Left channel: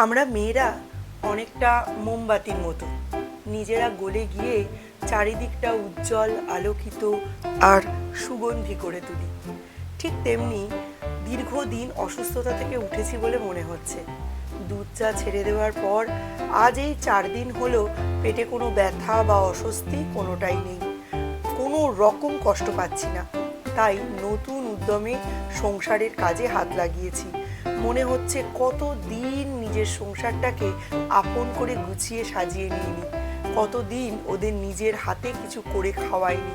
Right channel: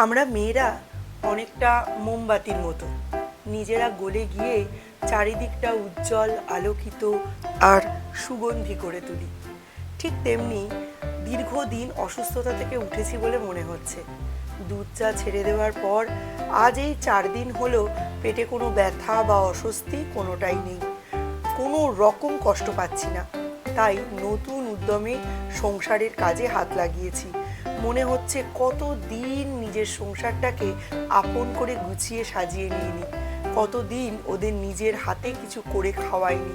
আমরা মেয়েরা অনেকটা মোমবাতির মতো, নিজেরা গলে গিয়ে চারিদিকটা উজ্জ্বল, আলোকিত আর সুগন্ধি করে তুলি। ঠিক তেমনি দীর্ঘদিন অসুস্থতা থেকে উঠেছি বলে মনে হচ্ছে। দুধ চা ছেড়ে দেওয়ার পর আজ এই 4 দিন হলো পেটে কোনো ব্যথা বা অস্বস্তি কোনোটাই নেই, কোনো রকম কষ্ট পাচ্ছি না। তাই নতুন উদ্যমে সংসারের কাজে হাত লাগিয়েছি। মনে হচ্ছে কতদিন নিজের সংসারটাকে আপন করে গুছিয়ে সাজিয়ে নিইনি, কতদিন ওদের নিজের হাতে কিছু করে খাওয়াইনি।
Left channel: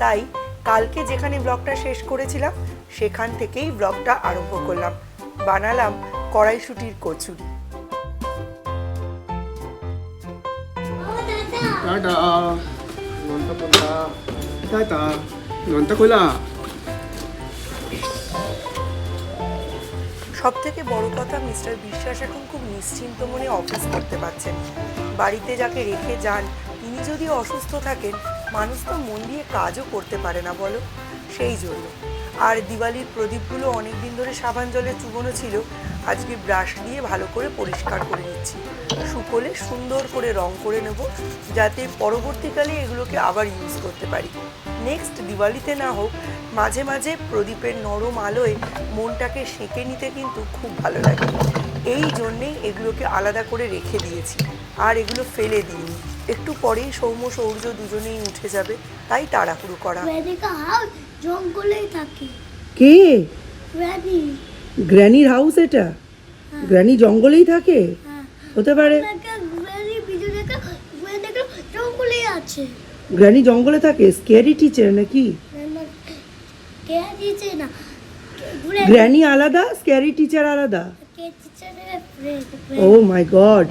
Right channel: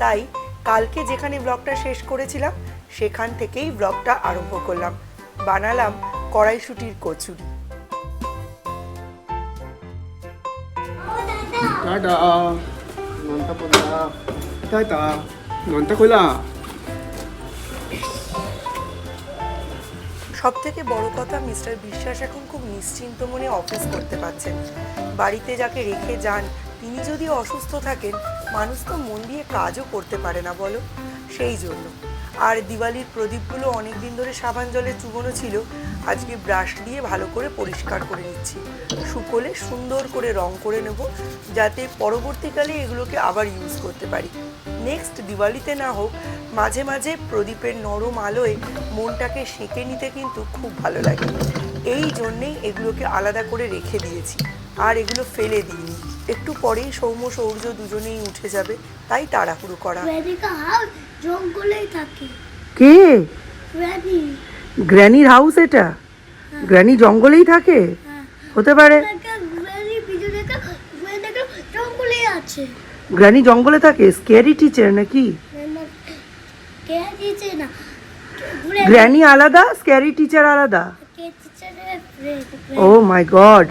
তাই কালকে যেখানে ব্লগটা শেষ করেছিলাম সেখান থেকেই ব্লগটা আরম্ভ করলাম। বানালাম কড়াইশুঁটির কচুরি। টাটা নন্টা পোলা টাটা নন্টা খোলা। সব থেকে বড় কথা, মিস্টার বিশ্বাস এখন খুব নিশ্চিন্ত মনে অফিস করতে পারছেন। বাড়িতে যাকে রেখে যান তিনি যদি অসুস্থ থাকেন, মানুষ তো মন দিয়ে কাজও করতে পারে না বলো। সেই জন্য আর দিওয়ালির প্রদীপগুলো অনেক দিন ধরে সাবান জলে চুবনো ছিল, আজকে ব্রাশ দিয়ে ভালো করে পরিষ্কার করে নিচ্ছি। শুকোলে সুন্দর করে রং করে নেব, যাতে পরবর্তীকালে এগুলোকে আবার ইউজ করতে পারি। নেক্সট দিওয়ালিতে না হোক, মাঝে মাঝে প্রদীপের নরম আলোয় মনটাকে সেঁকে নিতে কিন্তু খুব ভালো লাগে। এই জন্যেই এগুলোকে আলাদা করে রেখে দিয়েছি, আর এগুলো ফেলে দিইনি। একটু পরেই সৌম্য সৌর্য দুজনেই উঠে যাবে, তাই তাড়াহুড়ো করা। জঙ্গলেই থাকে। কে? গ্র্যানি। গ্র্যানির হাউস এটা? গ্র্যানি জঙ্গলেই থাকে? হতে পারে। গ্র্যানি ভিডিও দেখা, জঙ্গলেই আছে। গ্র্যানি জঙ্গলে থাকে? স্ক্যারি টিচার নাকি? কে দিয়েছে না? গ্র্যানি আলাদা, স্ক্যারি টিচার আলাদা? কে টিচারের ফ্রেন্ড। ও মাই গড।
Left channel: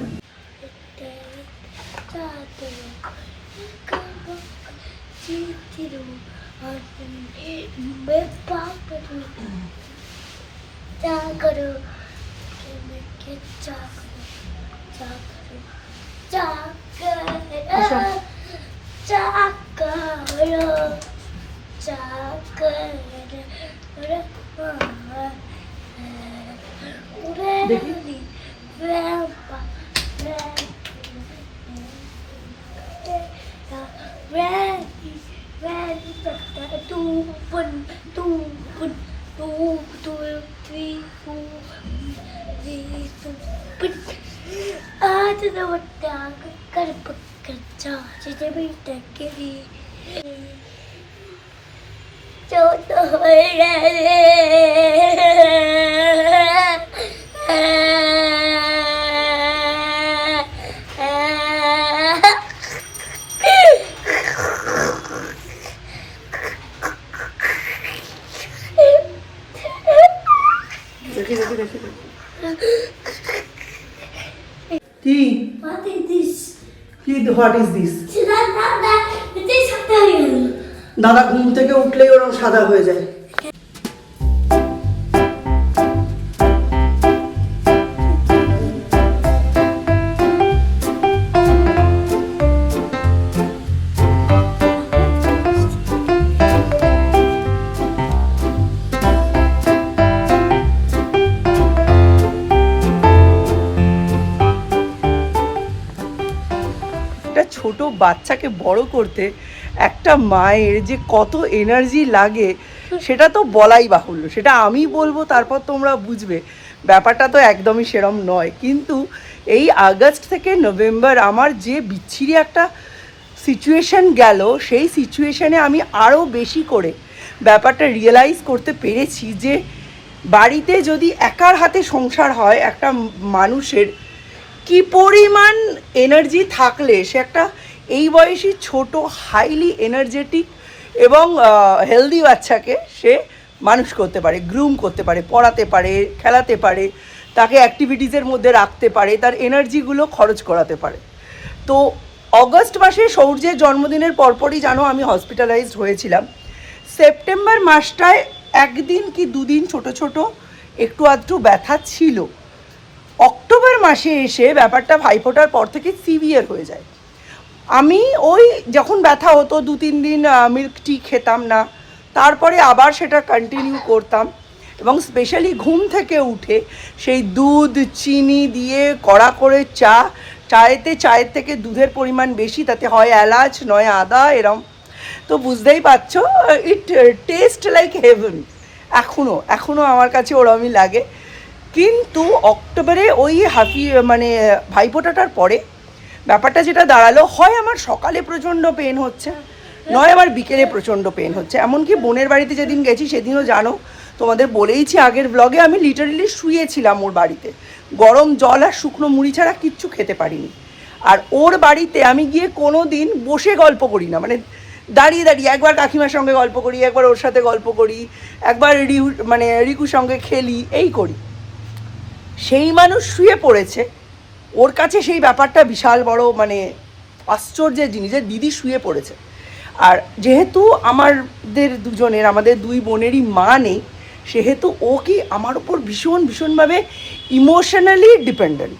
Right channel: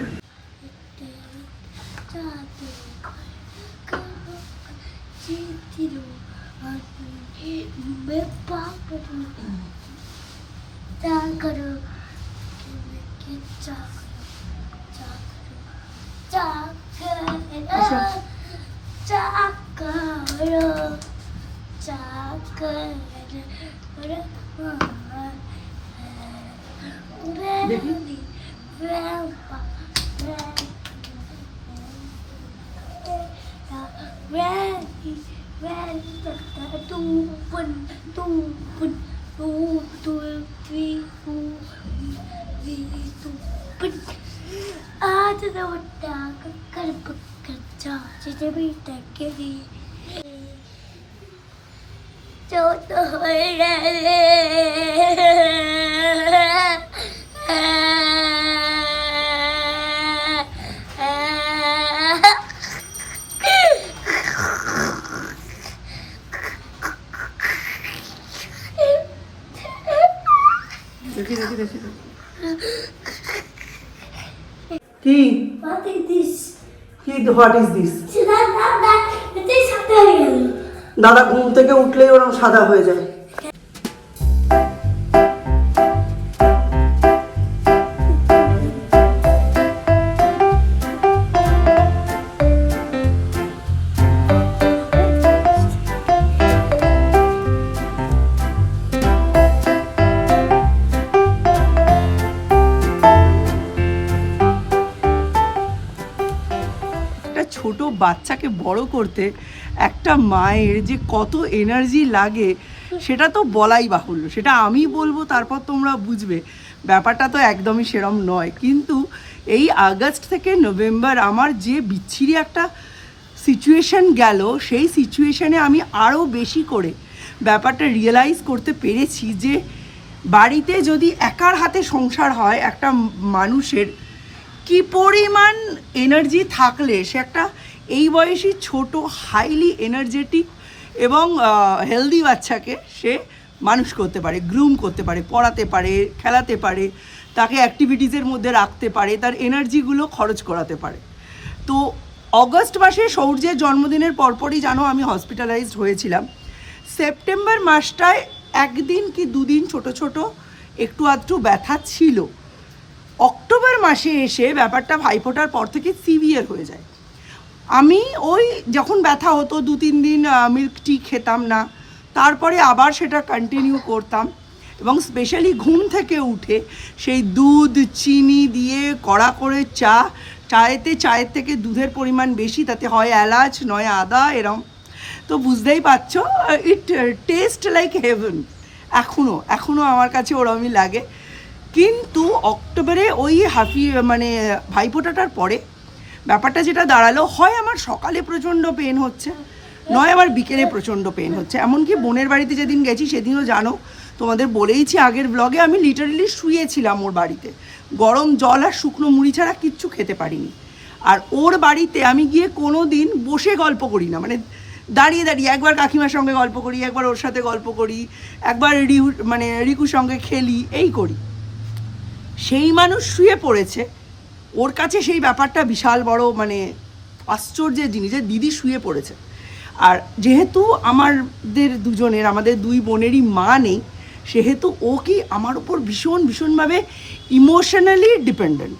কি? What is this? কি? What is this? এটাই সাদা হয়ে গেল। দাদা ঘুম থেকে উঠলেই ওরকম সাদা হয়ে যায়। একটা ছোট বাচ্চাকে বড় করতে একটা মায়ের যে কত এনার্জি লাগে সেটা তো বলাই বাহুল্য। সেটা আমি বলবো, তারপর তোমরা বুঝবে। ব্যাপারটা তো একদমই সেরম নয়। কিন্তু এই আগস্ট থেকে নভেম্বর আমার যে বিচ্ছিরি একটা সিচুয়েশান গেল, সেই সিচুয়েশানে আমি আরও বেশি করে ব্যাপারটা রিয়েলাইজ করতে পেরেছি যে বাড়িতে যদি একার হাতে সংসার হয়, একটা মানুষের কি পরিমাণ এনার্জি থাকলে সে একটা এই বয়সী ছোট হাইলি এনার্জেটিক এবং হেলদি বাচ্চাকে সে মানুষ করতে পারে, গ্রুম করতে পারে, পড়াতে পারে, খেলাতে পারে, তাকে অ্যাক্টিভিটিসের মধ্যে রাখতে পারে, তার এনার্জিগুলো খরচ করাতে পারে। তো অগস্ট মাসে সৌর্যের জন্মদিনের পরপরই জানো আমি হসপিটালাইজড হয়েছিলাম। সেপ্টেম্বর মাসটায় একদিন কি দুদিন ছোট ছোট একটু আধটু ব্যথা ছিল। অক্টোবর মাসে এসে ব্যাপারটা ভাইফোঁটার পর থেকে সিভিয়ার হয়ে যায়। আমি ওই যখন ব্যথা হতো 2-3 দিন মিল্ক টি খেতাম না, তারপরে আবার সেটা কন্টিনিউ করতাম। এবং স্পেশালি ঘুম থেকে উঠে সেই দুধ চিনি দিয়ে কড়া করে চায়ের থেকে দুধের পরিমাণ বেশি, তাতে হয় এলাচ নয় আদা, এরম। তো বুঝতেই পারছো, ইট টেস্ট লাইক হেভেন। এখনও আমার কাছে ওরমই লাগে। কিন্তু অক্টোবরে ওই ভাইফোঁটাটার পরে ব্যাপারটা যেটা দাঁড়ালো, হয় আমার সকালে প্রচণ্ড পেন হচ্ছে, নয় আমার বিকেলে প্রচণ্ড পেন হচ্ছে। এমনকি বোনের বাড়িতে যেদিন গেছি সেদিনও জানো, তোমাদের বলেইছি আগের ব্লগে, আমি লিটারেলি শুয়েছিলাম ওর বাড়িতে, গরম জল আর শুকনো মুড়ি ছাড়া কিচ্ছু খেতে পারিনি। আর ওর বাড়িতে আমি গিয়ে কোনো দিন বসে গল্প করি না, মানে দাঁড়িয়ে একবার কাকিমার সঙ্গে গল্প করি, একবার ওর সাথে গল্প করি, একবার রিকুর সঙ্গে খেলি, এই করি। সেই মানুষ শুয়ে পড়েছে, ওর কাছে সেই ব্যাপারটা বিশাল বড় আশ্চর্যের জিনিস যে দিদি শুয়ে পড়েছে। আর যেহেতু আমাদের দুই বোনেরই মা নেই, সেহেতু ও কি আমার উপর ভীষণভাবে ইমোশনালি ডিপেন্ডেন্ট।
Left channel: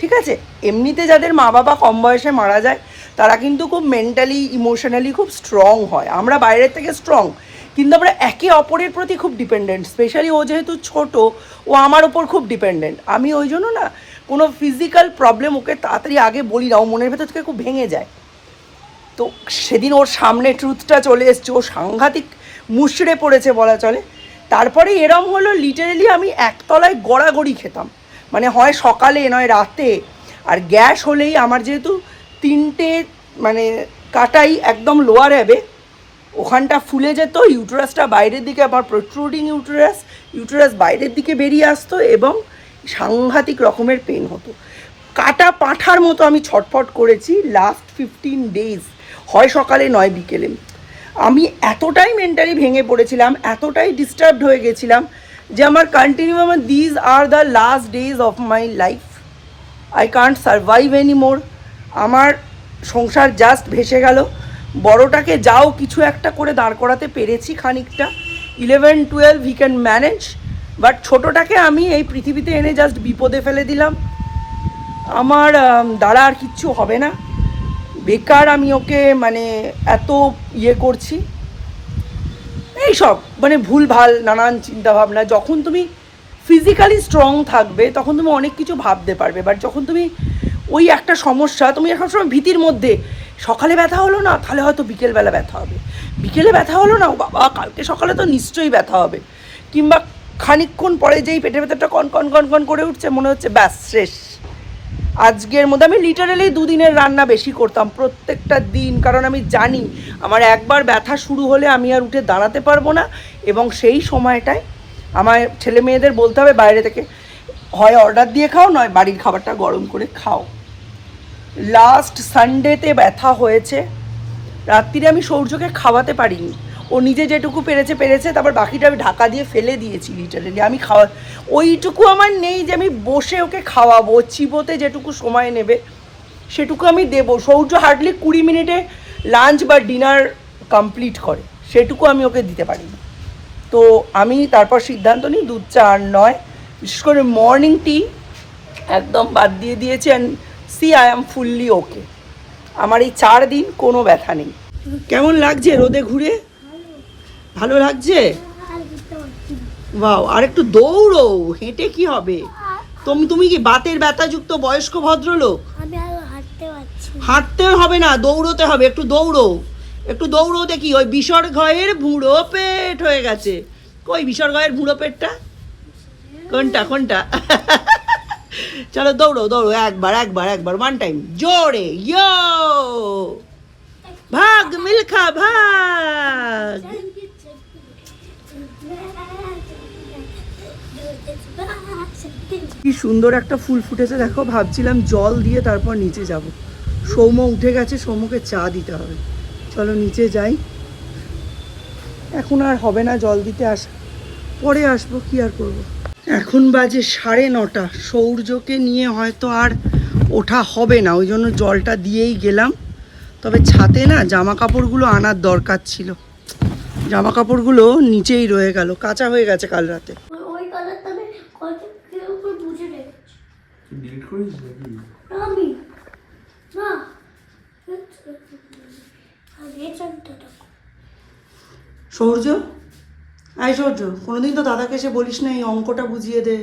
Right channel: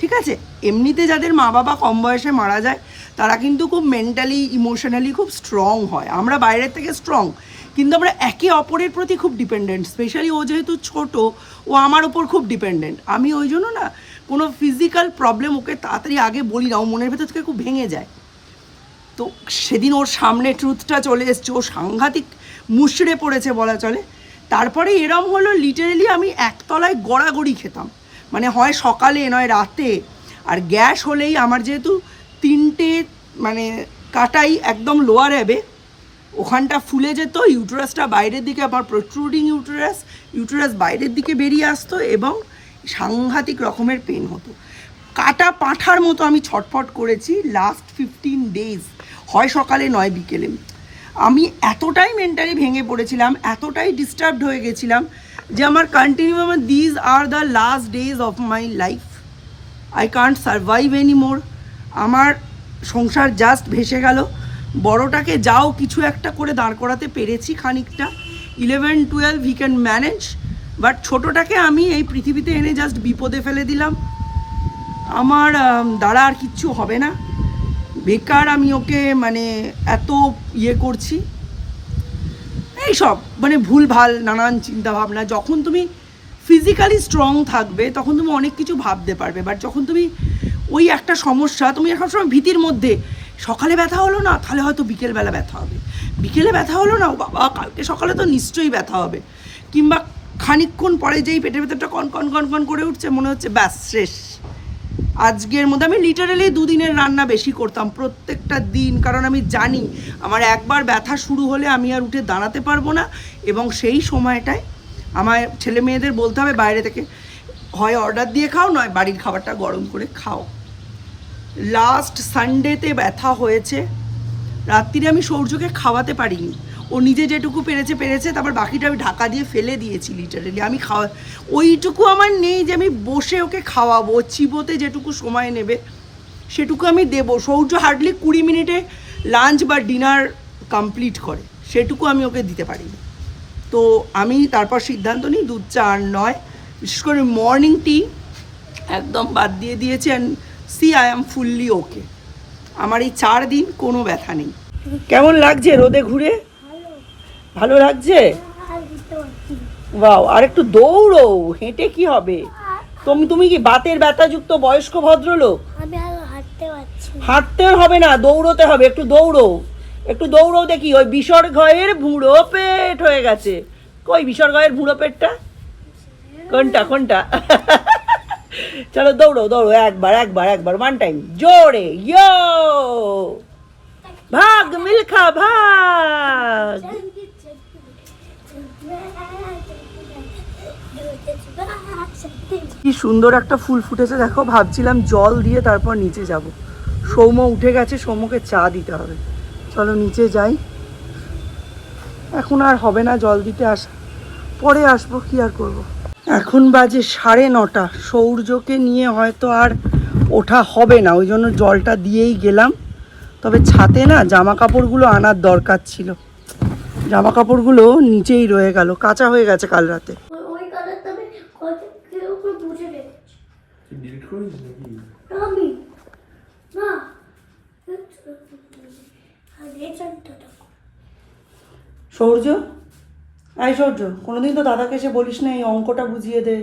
ঠিক আছে, এমনিতে যাদের মা বাবা কম বয়সে মারা যায় তারা কিন্তু খুব মেন্টালি ইমোশনালি খুব স্ট্রং হয়, আমরা বাইরের থেকে স্ট্রং, কিন্তু আমরা একে অপরের প্রতি খুব ডিপেন্ডেন্ট। স্পেশালি ও যেহেতু ছোট, ও আমার ওপর খুব ডিপেন্ডেন্ট। আমি ওই জন্য না কোনো ফিজিক্যাল প্রবলেম ওকে তাড়াতাড়ি আগে বলি না, ও মনের ভেতর থেকে খুব ভেঙে যায়। তো সেদিন ওর সামনে ট্রুথটা চলে এসছে, ও সাংঘাতিক মুষড়ে পড়েছে বলা চলে। তারপরে এরম হলো, লিটারেলি আমি একতলায় গড়াগড়ি খেতাম, হয় সকালে নয় রাতে। আর গ্যাস হলেই আমার যেহেতু 3টে কাটাই একদম লোয়ার অ্যাবে, ওখানটা ফুলে যেত, ইউটেরাসটা বাইরের দিকে, আমার প্রোট্রুডিং ইউটেরাস বাইরের দিকে বেরিয়ে আসতো এবং সাংঘাতিক রকমের পেন হতো। কাটা পাঁঠার মতো আমি ছটফট করেছি লাস্ট 15 days, হয় সকালে নয় বিকেলে। আমি এতটাই মেন্টালি ভেঙে পড়েছিলাম, এতটাই ডিস্টার্বড হয়ে গেছিলাম যে আমার these are the last days of my life, I can't survive any more. আমার সংসার জাস্ট ভেসে গেল। বড়টাকে যাও কিছু একটা করে দাঁড় করাতে পেরেছি খানিকটা, 11-12 হি ক্যান ম্যানেজ, বাট ছোটোটাকে আমি এই পৃথিবীতে এনে জাস্ট বিপদে ফেলে দিলাম। আমার দ্বারা আর কিচ্ছু হবে না, বেকার আমি ওকে এত করছি, এইসব ভুলভাল নানান চিন্তাভাবনা। যখন তুমি ফিজিক্যালি স্ট্রং থাকবে তখন তুমি অনেক কিছু ভাবতে পারবে, বাট যখন তুমি ওই একটা সমস্যা, তুমি এখন সময় ভীতির মধ্যে, সকালে ব্যথা হলো না তাহলে হয়তো বিকেলবেলা ব্যথা হবে, বিকেলে ব্যথা হলো না ও বাবা কালকে সকালে তো নিশ্চয়ই ব্যথা হবে, কিংবা খানিকক্ষণ পরে যেই পেটের ভেতরটা কন করে উঠছে, মনে হচ্ছে ব্যাস শেষ। আজকের মধ্যে আমি লিটারেলি 2 দিনের রান্না বেশি করতাম প্রত্যেকটা দিন, কারণ আমি জানি আমার একবার ব্যথা শুরু হলে আমি আর উঠে দাঁড়াতে পারবো না, এবং সেই সময়টায় আমার ছেলে মেয়েদের বলতে হবে বাইরে থেকে হয় অর্ডার দিয়ে খাও, নয় বাড়ির খাবারটা গরম করে খাও। লাস্ট সানডেতে ব্যথা হয়েছে, রাত্রিরে আমি সৌর্যকে খাওয়াতে পারিনি, ও নিজে যেটুকু পেরেছে, তারপর বাকিটা আমি ঢাকা দিয়ে ফেলে দিয়েছি লিটারেলি। আমি ওইটুকু আমার নেই যে আমি বসে ওকে খাওয়াবো, চিবোতে যেটুকু সময় নেবে সেটুকু আমি দেবো। সৌর্য হার্ডলি 20 মিনিটে লাঞ্চ বা ডিনার কমপ্লিট করে, সেটুকু আমি ওকে দিতে পারিনি। তো আমি তারপর সিদ্ধান্ত নিই দুধ চা আর নয়, বিশেষ করে মর্নিং টি একদম বাদ দিয়ে দিয়েছি। অ্যান্ড আই অ্যাম ফুললি ওকে, আমার এই 4 দিন কোনো ব্যথা নেই। কেমন লাগছে রোদে ঘুরে? ভালো লাগছে? বাও, আর একটু দৌড়ো, হেঁটে কি হবে? তুমি কি বাতের ব্যথাযুক্ত বয়স্ক ভদ্রলোক? আমি আর হাঁটতে পারছি না। হাঁটতে হবে না, দৌড়োতে হবে, একটু দৌড়ো দেখি। ওই বিসর্গয়ের ভুঁড়ো পেট হয়ে গেছে। কই বিসর্গয়ের ভুঁড়ো পেটটা? কোনটা? চলো দৌড়ো, একবার 1 টাইম জোরে, ইয়ো ভাগ মিল্খা ভাগ। কি সুন্দর একটা ফুল ফুটেছে দেখো, ভাবছিলাম জল দিয়ে তারপর নিচে যাব। সৌম্য উঠে গেছে, সৌম্যকে চা দিতে হবে। চলো নিচে যাই, এখন আর হবে না জল দিতে আসা, পরে আসবো, কি আর করব। এখন বাজে 9:30, সৌর্যকে নিয়ে হয়তো আর ওঠা হবে না, ওই জন্য জলটা দিয়েই গেলাম। তবে ছাতে না জামা কাপড়গুলো আনার দরকার ছিল, জামা কাপড়গুলো নিচেই রয়ে গেল, কাঁচা হয়ে গেছে কাল রাতে। ওই কালারটা আমি কত কেউ বুঝে রেখেছি ডিলিট করিস নাকি? আমি না আর এই চারটা সৌর্য আই সহ্য কোনোদিন তো দাদাকে এসে বলিস না এই অঙ্কটা বুঝিয়ে দে।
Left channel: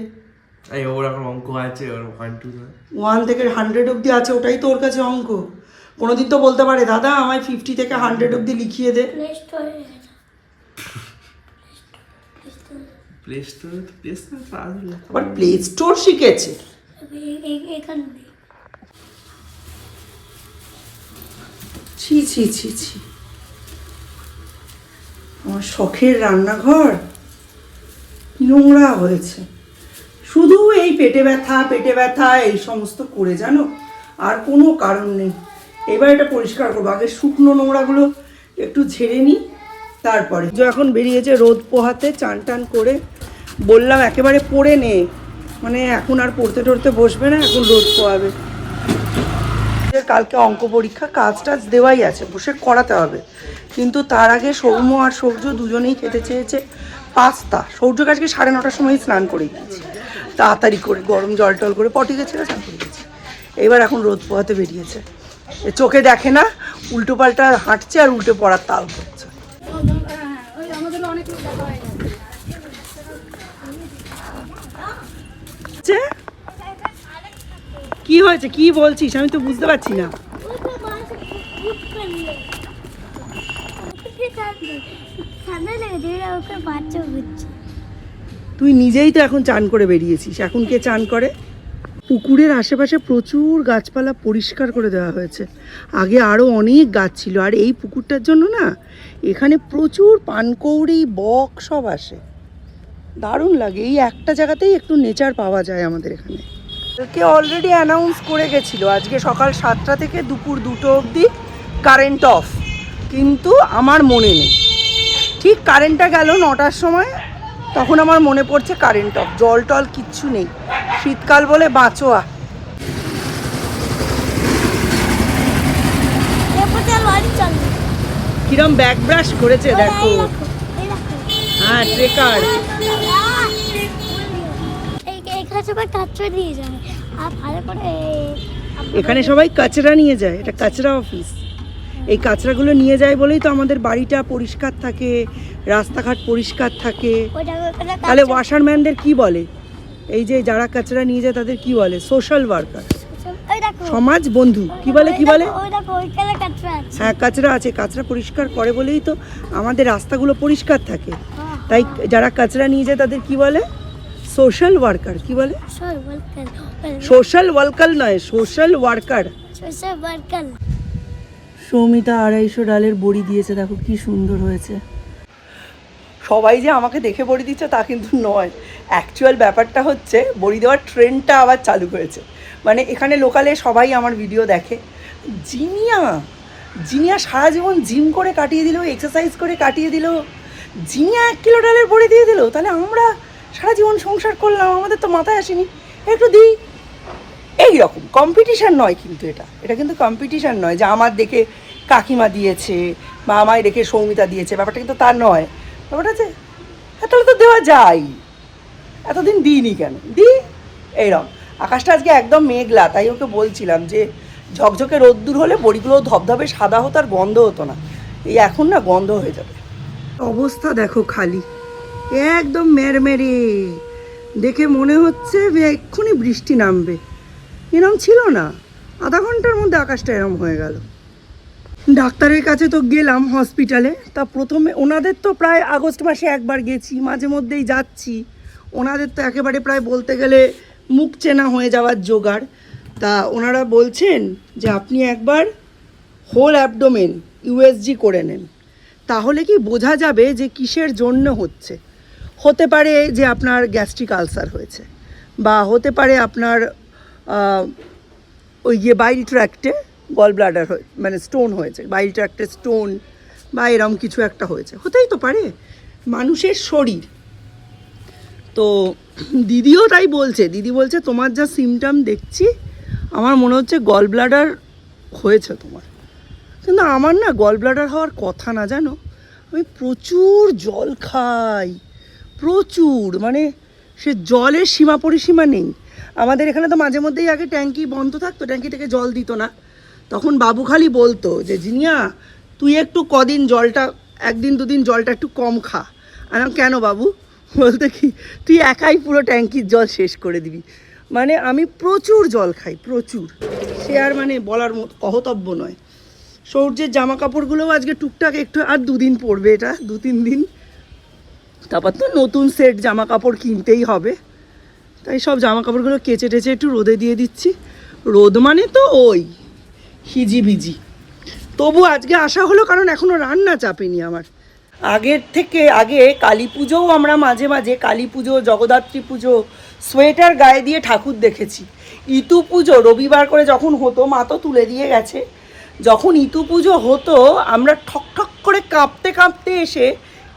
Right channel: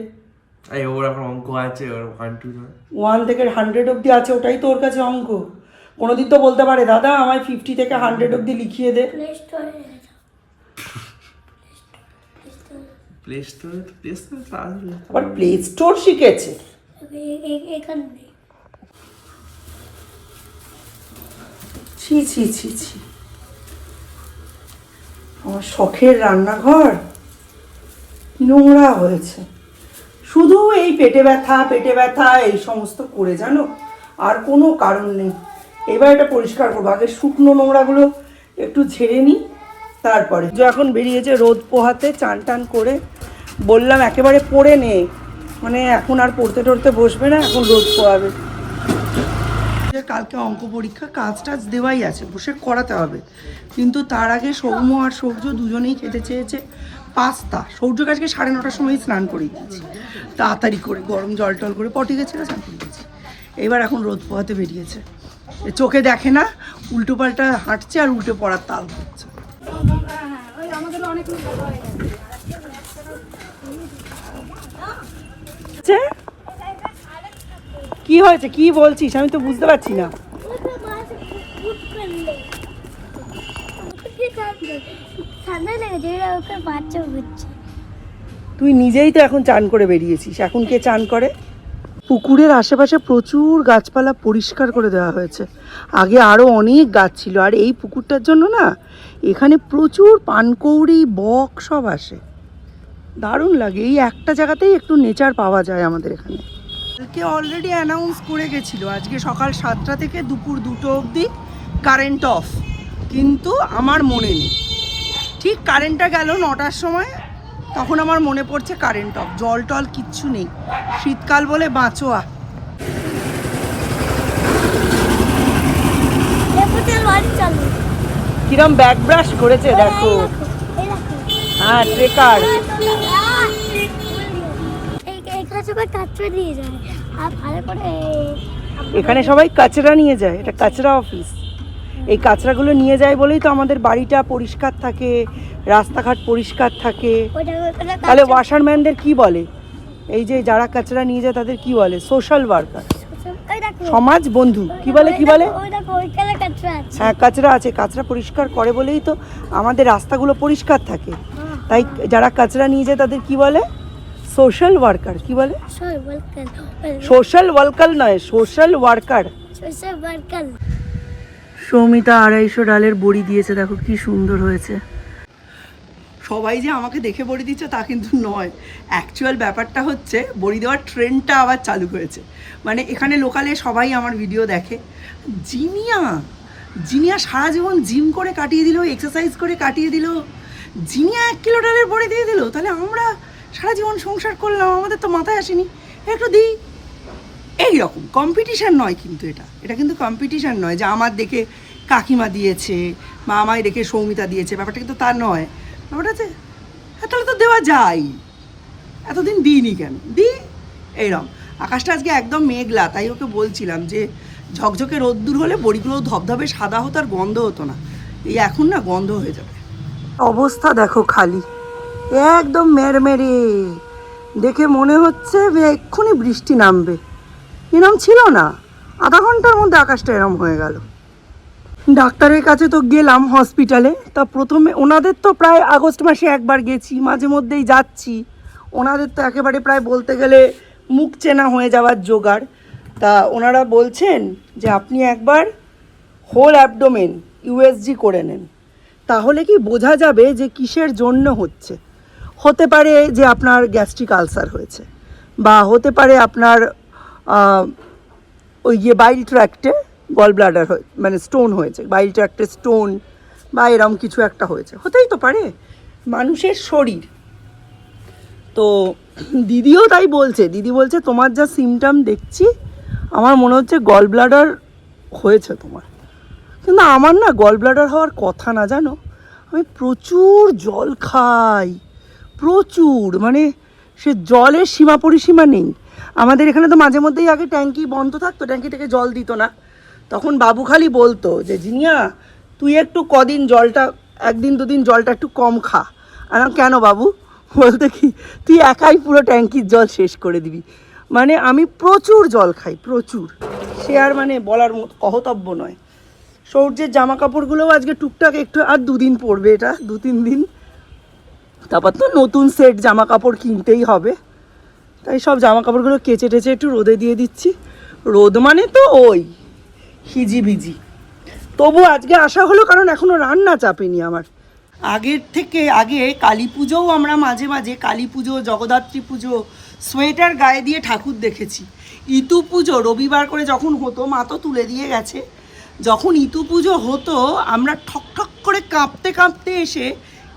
এই ওর এখন অঙ্ক আছে, ওর 1 2 1 থেকে 100 অবধি আছে, ওটাই তো ওর কাছে অঙ্ক। কোনোদিন তো বলতে পারে দাদা আমায় 50 থেকে 100 অবধি লিখিয়ে দে। প্লে স্টোরে প্লে স্টোর তো আসবে। আবার প্লে স্টোর শিখেছে। এখানে নেই। ছি ছি ছি ছি, আমার শখের রান্নাঘর নোংরা হয়েছে। শুধু এই পেটে ব্যথা এই সমস্ত করে, জানো, আর কোনো কারণ নেই। এবার এটা পরিষ্কার করবো, আগে শুকনো নোংরাগুলো একটু ঝেড়ে নিই তারপরে। যে এখন বেরিয়েছে রোদ পোহাতে, চান টান করে বললাম একেবারে পড়ে নে, মানে এখন আর পড়তে টড়তে বসবে না, এখন রোদ পোহাবে। কালকে অঙ্ক পরীক্ষা, কাজ টাজ দেওয়াই আছে, বসে করাতে হবে। কিন্তু তার আগে সৌম্য আর সৌর্য দুজনেই খেতে চেয়েছে পাস্তা। সৌর্যকে আজকে 9:30টার সময় স্নান করে দিয়েছি, তাড়াতাড়ি করে গরম জল টল করে পটি গেছিলো, স্নান করে দিয়েছি। এবার এখন রোদ পোহাতে বেরিয়েছে, চোখে দেখে না, উল্টো পাল্টা হাঁটছে আর উল্টে পড়ার তাল করছে। কি হয়েছে, কি বলছিস, আমি তো বুঝতে পারছি না। ঠান্ডা লেগেছে, ওকে বাচ্চা হচ্ছে। তুই নিজেই তো এখন চান করে বেরিয়েছিস, এখন কে চান করে? পুকুরের আশেপাশে প্রচুর গাছপালা পরিষ্কার করে দেওয়া হয়েছে। আগে আরও অনেক গাছ ছিল, আর এই পুকুরটার জন্য না এখানে প্রচুর পানকৌড়ি বক সব আসে, দারুণ লাগে। এই একটা জায়গাতেই একটু নেচার পাওয়া যায় আমাদের এখানে। কে অলরেডি অ্যানাউন্স করে গেছিলো আজকে সকাল 7টা থেকে দুপুর 2টো অবধি কারেন্ট অফ, কিন্তু আমার মনে নেই। ঠিক কারেন্টটা গেল 9টার সময়, তখন আমার মনে পড়ছে কারেন্ট অফ। জল টল কিচ্ছু নেই, শীতকাল বলে বাঁচোয়া। কিরম ব্যাক ব্রাশ করেছে দেখো। হ্যাঁ ট্রেকার। এখানে সবাই কাচরা নিয়ে যায়, এটা কাচরা অফিস। এই কাচরাগুলো নিয়ে যায় বলেই তো আমাদের বাড়িটা পরিষ্কার থাকে, রাস্তাঘাট পরিষ্কার থাকে। তাহলে ওয়াশারম্যানদের কি বলে? এই যে যারা কাচরা নিয়ে যায় তাদের কি বলে? সোশ্যাল ওয়ার্কার, সমাজ বন্ধু, কি বলে কি বলে? হ্যাঁ কাচরা আছে, কাচরা পরিষ্কার করে বলেই তো আমাদের রাস্তাগুলো পরিষ্কার থাকে। তাই যারা কাচরা নিয়ে যায় তাদের কি বলে? Social worker. কি বলে? সোশ্যাল ওয়ার্কার নয়, সোশ্যাল ওয়ার্কার। সৌমিতা 250 ডালের বড়ি দিয়েছে, দেখো কি সুন্দর হয়েছে। সবাই যে আমাকে দেখে বড়ি দিচ্ছে তা কিন্তু নয়, অ্যাকচুয়াল ব্যাপারটা হচ্ছে বড়ি দেওয়ার ট্রেন্ডটা আবার চালু হয়েছে। মানে এখানে লোকালে সবাই আমার ভিডিও দেখে। জিনিয়া সারা জীবন জিম করে কাটিয়ে দিল, এক্সারসাইজ করে কাটিয়ে দিল, জিনিয়া 1 কিলো ডালের বড়ি দিয়ে দিল। তাহলে আমরা সারা জীবন সংসার করলাম, আমাদের তো মাথায় আসেনি একটু দিই। এইরকম কম্পিটিশান নয় কিন্তু, এটা কিন্তু কম্পিটিশান নয় যে আমার দেখে কাকিমা দিয়েছে বা আমায় দেখে সৌমিতা দিয়েছে, ব্যাপারটা কিন্তু তার নয়। ব্যাপারটা আছে হ্যাঁ তাহলে তো দেওয়া যায়, এতদিন দিইনি কেন দিই। এইরকম আকাশটা আজকে একদম মেঘলা, তাই ওকে বলছিলাম যে ঝকঝকে রোদ্দুর হলে বড়িগুলো ধবধবে সাদা হতো আর গন্ধ হতো না, এই এখন না গন্ধ হয়ে যাবে। অবস্থা দেখো খালি, একদম মেরমেরে, দেখে মনে হচ্ছে এক্ষুনি বৃষ্টি নামবে। এরম ছিল না, আধা ঘন্টার মধ্যে আকাশটা এরম হয়ে গেল। ডাক্তারের কাছে তো গেলাম হসপিটালে, তা প্রথমে ওনাদের তো প্রায় আগস্ট মাসে একবার গেছি, মাঝে মধ্যেই যাচ্ছি। ওনাদের তো একেবারে প্রায় বলতে গেলে মুখ চেনা হয়ে যাওয়ার জোগাড়। তা ওনারা বলছেন যে আপনি একবার হোল অ্যাবডোমেন ইউএসজি করে নেন, তাহলে কি বোঝা যাবে যে কিসের জন্য হচ্ছে। হতে পারে যে আপনার গ্যাস্ট্রিক আলসার হয়েছে, বা হতে পারে আপনার ওই যে বাইল ট্র্যাক্টে গল ব্লাডার মানে স্টোন হয়েছে, বাইল ট্র্যাক্টে স্টোন বা এরম কিছু একটা হয়েছে, হতেই তো পারে, মানুষের শরীর। তো দিদিও তাই বলছে, দিদি বলছে তোমার যা সিমটম দেখছি আমার মনে হচ্ছে গল ব্লাডার হয়েছে তোমার। কিন্তু আমার না গল ব্লাডার হওয়ার কথা না, জানো। আমি প্রচুর জল খাই, প্রচুর, মানে সে জলের সীমা পরিসীমা নেই। আমাদের এখানে তো মাঝে মধ্যেই আগে ট্যাঙ্কি বন্ধ থাকতো, ট্যাঙ্কি থেকে জল দিত না, তখন বাবু খালি বলতো যে জিনিয়া তুই একটু কদিন জলটা 1 দিন 2 দিন জলটা একটু কম খা। আর কেন বাবু বলতে কি তুই একাই পুরো ট্যাঙ্কির জল শেষ করে দিবি। মানে আমি প্রচুর জল খাই, প্রচুর, সে আর মানে বলার মতো কহতব্য নয়। সৌর্যের জামা কাপড়গুলোও আজকে টুকটাক একটু, আর 2 দিন পরবে, এটা 2-3 দিন, তারপর তো নতুন সেট জামা কাপড় কিনতেই হবে। তাই সব জামা কাপড়গুলো কেচে টেচে একটু রোদে দিয়ে দিচ্ছি। রোদ মানে তো ওই হিজিবিজি। তবু আজকে আসা হলো কারণ এখনও রান্না চাপেনি আমার। আগের থেকে আগে কালী পুজোও আমরা মাঝে মাঝে, কালী পুজো, জগদ্ধাত্রী পুজো সোয়েটার গায়ে দিয়ে ঠাকুর দেখেছি। ইতু পুজো রবিবার করে যখন হতো, মা তো তুলে দিয়ে গেছে, যখন ইতু পুজো হতো আমরা ঠক ঠক করে কাঁপতে কাঁপতে এসে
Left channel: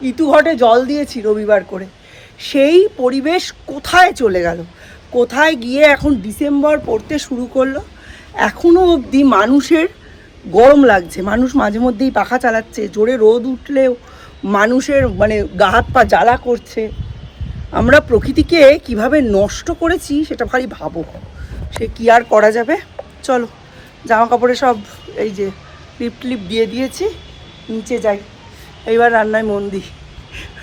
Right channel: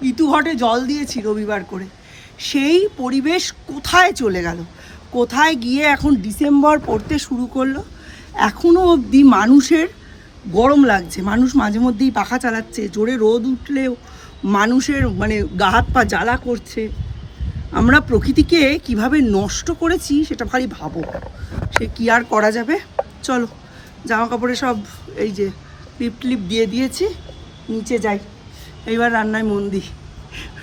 ইতু ঘটে জল দিয়েছি রবিবার করে। সেই পরিবেশ কোথায় চলে গেল, কোথায় গিয়ে এখন ডিসেম্বর পড়তে শুরু করলো। এখনও অবধি মানুষের গরম লাগছে, মানুষ মাঝে মধ্যেই পাখা চালাচ্ছে, জোরে রোদ উঠলেও মানুষের মানে গা হাত পা জ্বালা করছে। আমরা প্রকৃতিকে কিভাবে নষ্ট করেছি সেটা ভারী ভাবো, সে কি আর করা যাবে। চলো জামা কাপড়ে সব এই যে লিপ দিয়ে দিয়েছি, নিচে যাই, এইবার রান্নায় মন দিই।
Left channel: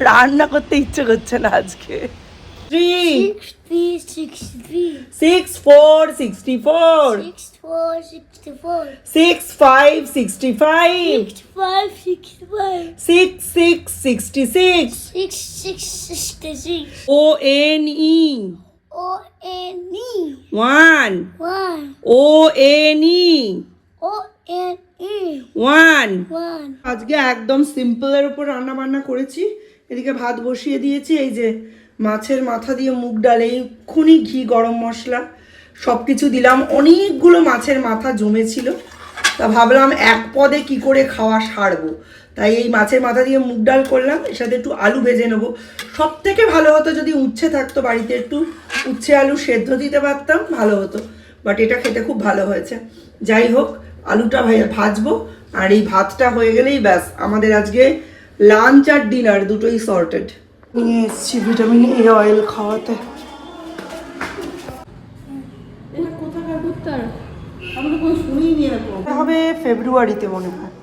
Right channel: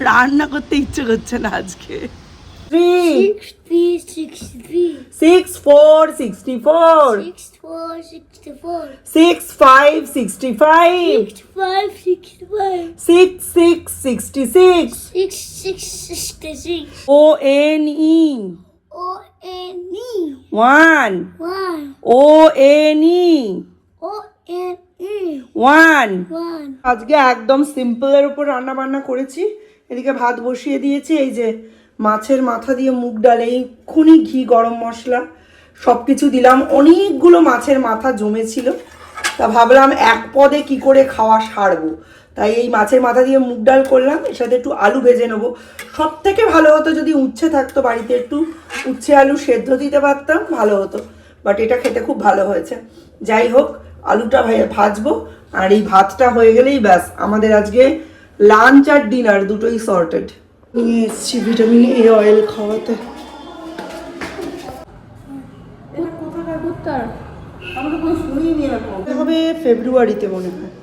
রান্না করতে ইচ্ছে করছে না আজকে। 6 4 64 6 5 65 6 6 66 ONE 1 ONE 1। আজকে একদম সিম্পলের উপর রান্না বান্না করেছি। এদিকে ভাত বসিয়ে দিয়েছি, এই যে মাছের মাথা দিয়ে মুগ ডাল, এইক্ষুনি ঘি গরম মশলা সব কিছু দিলাম। অনেকগুলো মাছের মাথা জমেছিল, তা ভাবলাম এক পদে কি করে খাওয়া সারবো, তাই এই মাছের মাথা দিয়ে মুগ ডাল করলাম। এর সাথে একটু আলু ভেজে নেবো। সব থেকে ভালো হতো যদি উচ্ছে থাকতো বাড়িতে, একটু উচ্ছে আলু সেদ্ধ দিতে পারতাম, ভালো হতো, বাট এটা খেতে খুব ভালো হয়েছে। যাই হোক, আলুটা ভাজবো, আর এই ভাতটা হয়ে গেলেই ব্যাস আমাদের আজকে লাঞ্চ আর ডিনার দুটোই সর্টেড। নিয়ে এসছি ভিটামিন এ অয়েল খাওয়াতে। হবে ফেব্রুয়ারিতে মনে হয়,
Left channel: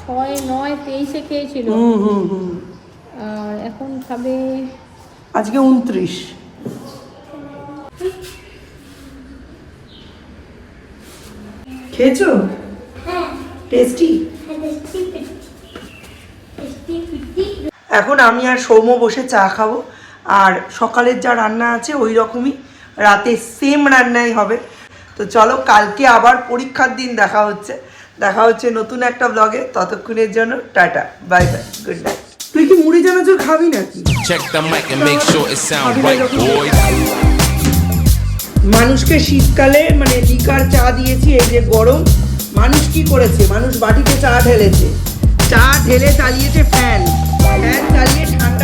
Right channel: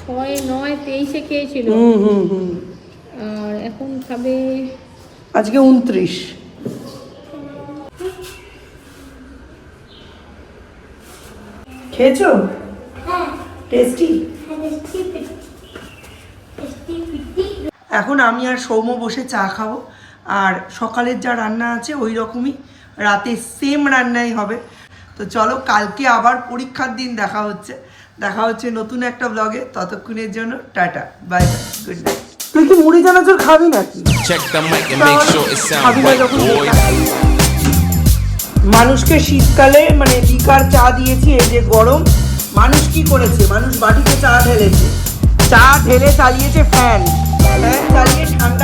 6 9 23 খেয়েছিল, আর এখন খাবে আজকে 29। খেয়েছো? টেস্টি। এখন আমি আর সৌম্য বসে চা খাবো, আর সকালের যা রান্না আছে ওই রকমই রাতে সেম রান্নাই হবে। তো চলো, কালকে আবার পরীক্ষার দিন দেখা হচ্ছে নতুন একটা ব্লগে। ততক্ষণের জন্য tata, bye bye, good night. তুই কি মুড়ি চানাচুর খাবি নাকি? Check the mic and make sure it sound right, boys. মানুষকে শীতকালে মানে লিকার চা দিয়েছি, এই যে গরম, মানুষ কি করেছে, মানুষ বাটিতে চা ঢেলেছে, চা ঢেলে চালিয়েছে ফ্যান চালিয়ে ঠান্ডা